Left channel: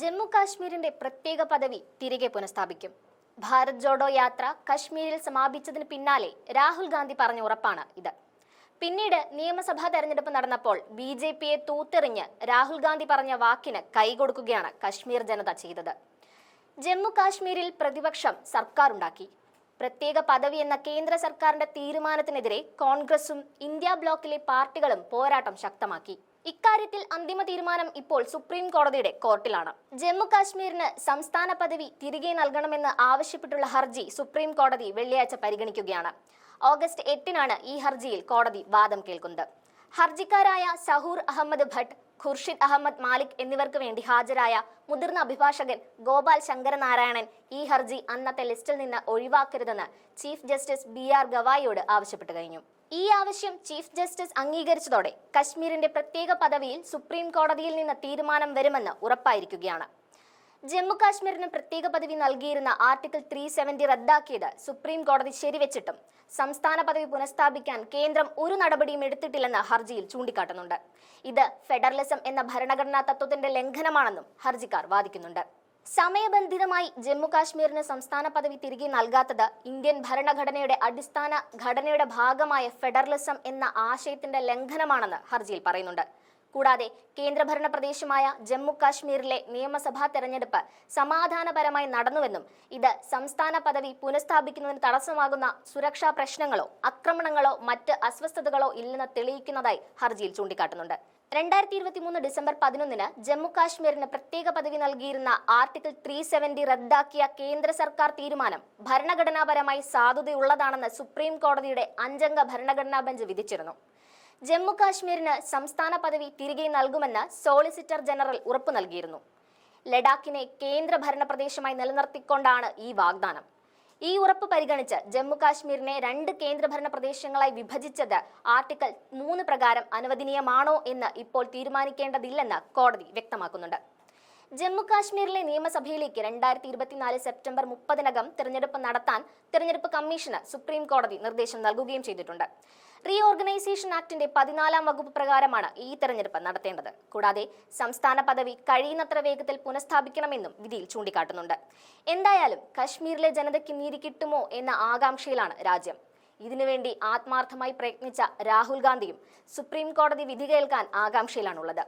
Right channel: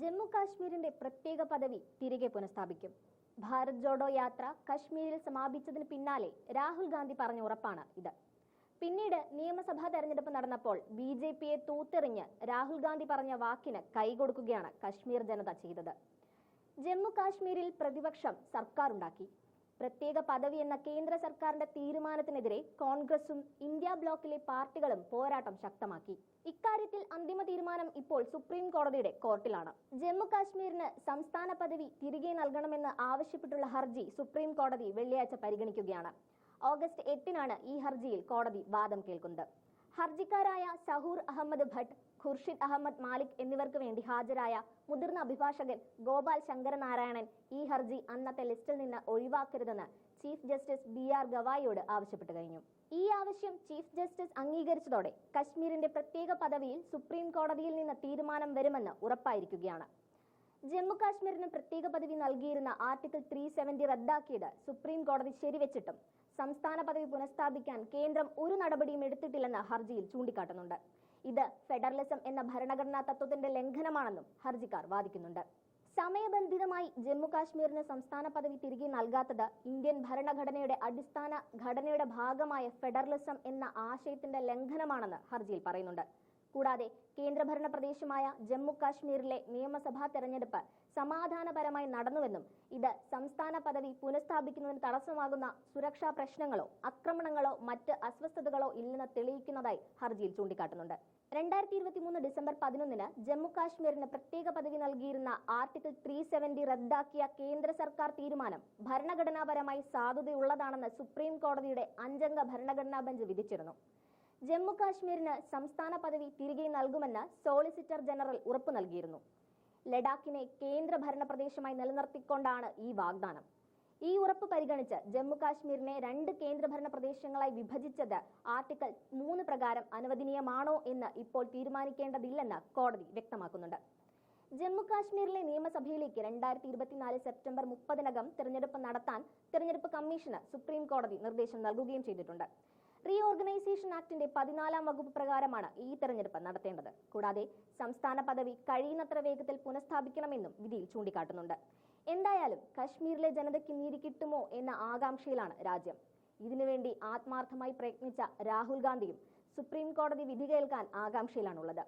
ജമ്മു കാശ്മീരിന്റെ പ്രത്യേക പദവി തിരികെ പുനഃസ്ഥാപിക്കും. ഭാരത് ജോഡോ യാത്ര കശ്മീരിൽ സമാപിച്ചതിന് പിന്നാലെ രാഹുൽ ഗാന്ധി പറഞ്ഞ ഉറപ്പാണ് ഇത്. പിന്നീട് നിയമസഭാ തെരഞ്ഞെടുപ്പ് നടന്നപ്പോൾ ബി ജെ പിയെ തൂത്തെറിഞ്ഞ് രാഹുൽ ഗാന്ധി പറഞ്ഞ വാക്കിന് കൈകൊടുക്കുകയാണ് കശ്മീർ ജനത ചെയ്തത്. ജമ്മു കാശ്മീരിൽ പ്രതിപക്ഷം സർക്കാർ ഉണ്ടാക്കി പ്രത്യേക പദവി എന്ന കേന്ദ്ര സർക്കാരിന്റെ തീരുമാനത്തിനെതിരെ കോൺഗ്രസും ഇന്ത്യ ബ്ലോക്കിലെ പാർട്ടികളും പോരാട്ടം ശക്തമാക്കി. ഇക്കാര്യത്തിൽ അന്തിമ തീരുമാനം ഇപ്പോൾ സുപ്രീം കോടതിയുടെ കോർട്ടിലാണ്. ജമ്മു കാശ്മീരിന് സംസ്ഥാന പദവി തിരികെ നൽകണമെന്ന് ആവശ്യപ്പെട്ടുള്ള ഹർജി സുപ്രീം കോടതി വെള്ളിയാഴ്ച പരിഗണിക്കുകയാണ്. ഓഗസ്റ്റ് എട്ടിനാണ് ഈ ഹർജിയിൽ കോടതി വാദം കേൾക്കുന്നത്. ഹർജിക്കാരായ സഹൂർ അഹമ്മദ് ഭട്ട് ഖുർഷിദ് അഹമ്മദ് മാലിക് എന്നിവർക്ക് വേണ്ടി ഹാജരായ മുതിർന്ന അഭിഭാഷകൻ ഗോപാൽ ശങ്കരനാരായണൻ ഈ ഹർജി അന്നത്തെ ലിസ്റ്റിൽ നിന്ന് ഒഴിവാക്കരുതെന്ന് ചീഫ് ജസ്റ്റിസ് ബി ആർ ഗവായിയോട് ആവശ്യപ്പെട്ടു കഴിഞ്ഞു. ഈ ആവശ്യം ചീഫ് ജസ്റ്റിസ് അംഗീകരിച്ചതോടെ കശ്മീരിന്റെ പ്രത്യേക പദവിയിൽ സുപ്രീം കോടതിയിൽ നിന്ന് തീരുമാനം വരുമെന്ന് ഉറപ്പായിരിക്കുകയാണ്. ജമ്മു കാശ്മീരിന് പ്രത്യേക പദവി നൽകിയിരുന്ന ആർട്ടിക്കിൾ ത്രീ സെവന്റി റദ്ദാക്കിയത് സുപ്രീം കോടതി ശരിവെച്ചിട്ടും സംസ്ഥാന പദവി പുനഃസ്ഥാപിക്കാൻ കേന്ദ്രം ഒരു നടപടിയും എടുത്തിട്ടില്ലെന്ന് ഹർജിയിൽ ചൂണ്ടിക്കാട്ടുന്നുണ്ട്. ഇത് ഫെഡറലിസം എന്ന ഭരണഘടനാ തത്വത്തിന്റെ ലംഘനമാണെന്നും ഹർജിക്കാർ വാദിക്കുന്നുണ്ട്. സമയബന്ധിതമായി ജമ്മു കാശ്മീരിന് സംസ്ഥാന പദവി തിരികെ നൽകാത്തത് ഇന്ത്യൻ ഭരണഘടനയുടെ അടിസ്ഥാന ഘടനയുടെ ഭാഗമായ ഫെഡറലിസം എന്ന ആശയത്തിന്റെ ലംഘനമാണെന്ന് ഹർജിയിൽ പറയുന്നുണ്ട്. കൂടാതെ കേന്ദ്രഭരണ പ്രദേശമായ ജമ്മു കാശ്മീരിലെ നിയമസഭാ തെരഞ്ഞെടുപ്പ് സമാധാനപരമായി നടന്നുവെന്നും ഇത് സംസ്ഥാന പദവി പുനഃസ്ഥാപിക്കുന്നതിന് തടസ്സമാകുന്ന സുരക്ഷാ പ്രശ്നങ്ങളോ ആക്രമണങ്ങളോ മറ്റ് അസ്വസ്ഥതകളോ ഇല്ലെന്ന് തെളിയിക്കുന്നതായി ഹർജിയിൽ ചൂണ്ടിക്കാട്ടുന്നുണ്ട്. രണ്ടായിരത്തി ഇരുപത്തി മൂന്ന് ഡിസംബർ പതിനൊന്നിന് ജമ്മു കാശ്മീരിന് പ്രത്യേക പദവി നൽകിയിരുന്ന ആർട്ടിക്കിൾ ത്രീ സെവന്റി റദ്ദാക്കിയ കേന്ദ്ര സർക്കാർ തീരുമാനം ഭരണഘടനാപരമായി സാധുതയുള്ളതാണെന്ന് സുപ്രീം കോടതിയുടെ അഞ്ചംഗ ഭരണഘടനാ ബെഞ്ച് വിധിച്ചിരുന്നു. ജമ്മു കാശ്മീരിന് സംസ്ഥാന പദവി തിരികെ നൽകുമെന്ന് സോളിസിറ്റർ ജനറൽ ഉറപ്പു നൽകിയിരുന്നു. ലഡാക്കിനെ കേന്ദ്ര ഭരണ പ്രദേശമായി നിലനിർത്തിക്കൊണ്ടാണ് ഈ വാഗ്ദാനം. ഈ ഉറപ്പ് പരിഗണിച്ച് ജമ്മു കാശ്മീരിനെ രണ്ട് കേന്ദ്രഭരണ പ്രദേശങ്ങളായി വിഭജിച്ചത് ആർട്ടിക്കിൾ മൂന്ന് പ്രകാരം അനുവദനീയമാണോ എന്ന് ഇപ്പോൾ തീരുമാനിക്കേണ്ടതില്ലെന്ന് കോടതി വ്യക്തമാക്കുന്നുണ്ട്. ജമ്മു കാശ്മീരിലെ നിയമസഭയിലേക്ക് രണ്ടായിരത്തി ഇരുപത്തിനാല് സെപ്റ്റംബർ മുപ്പതിനകം തിരഞ്ഞെടുപ്പ് നടത്താൻ തിരഞ്ഞെടുപ്പ് കമ്മീഷന് സുപ്രീം കോടതി നിർദ്ദേശം നൽകുകയും ചെയ്തിട്ടുണ്ട്. റീ ഓർഗനൈസേഷൻ ആക്ടിന്റെ പതിനാലാം വകുപ്പ് പ്രകാരമാണ് ഈ തെരഞ്ഞെടുപ്പ് നടത്തേണ്ടത്. കൂടാതെ സംസ്ഥാന പദവി കഴിയുന്നത്ര വേഗത്തിൽ പുനഃസ്ഥാപിക്കണമെന്നും വിധിയിൽ ചൂണ്ടിക്കാട്ടുന്നുണ്ട്. എന്തായാലും കശ്മീരിലെ ജനതയ്ക്ക് നീതി കിട്ടുമോ എന്ന ആകാംക്ഷയിലാണ് രാജ്യം. ഇതിനുവേണ്ടി ആത്മാർത്ഥമായി പ്രയത്നിച്ച രാഹുൽ ഗാന്ധിയും സുപ്രീം കോടതി വിധി കേൾക്കാൻ ആകാംക്ഷയിലാണുള്ളത്.